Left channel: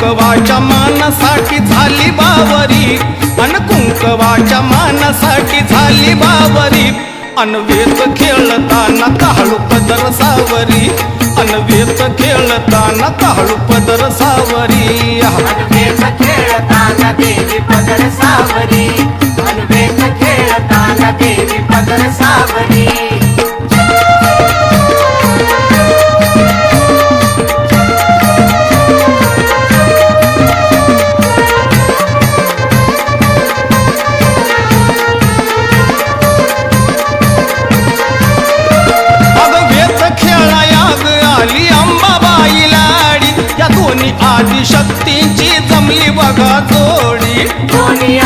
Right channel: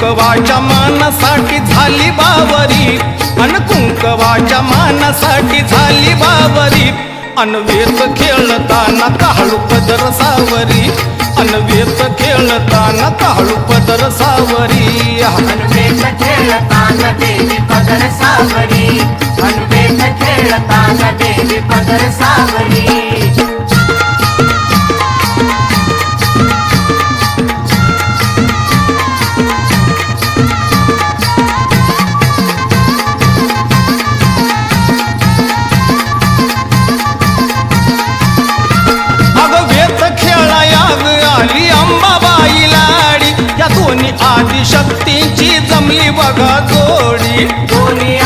कुंकवाच्या मानासाठी झाली बावरी. अन कुंकवाच्या मानासाठी झाली बावरी. अनवेत खेळताना काळू पदर सावरी. अनवेत खेळताना काळू पदर सावरी. सावरी. आली अंबाबाई लाडी या दोन्ही आदिशक्तींची जमली बघा जोडी. दोन्ही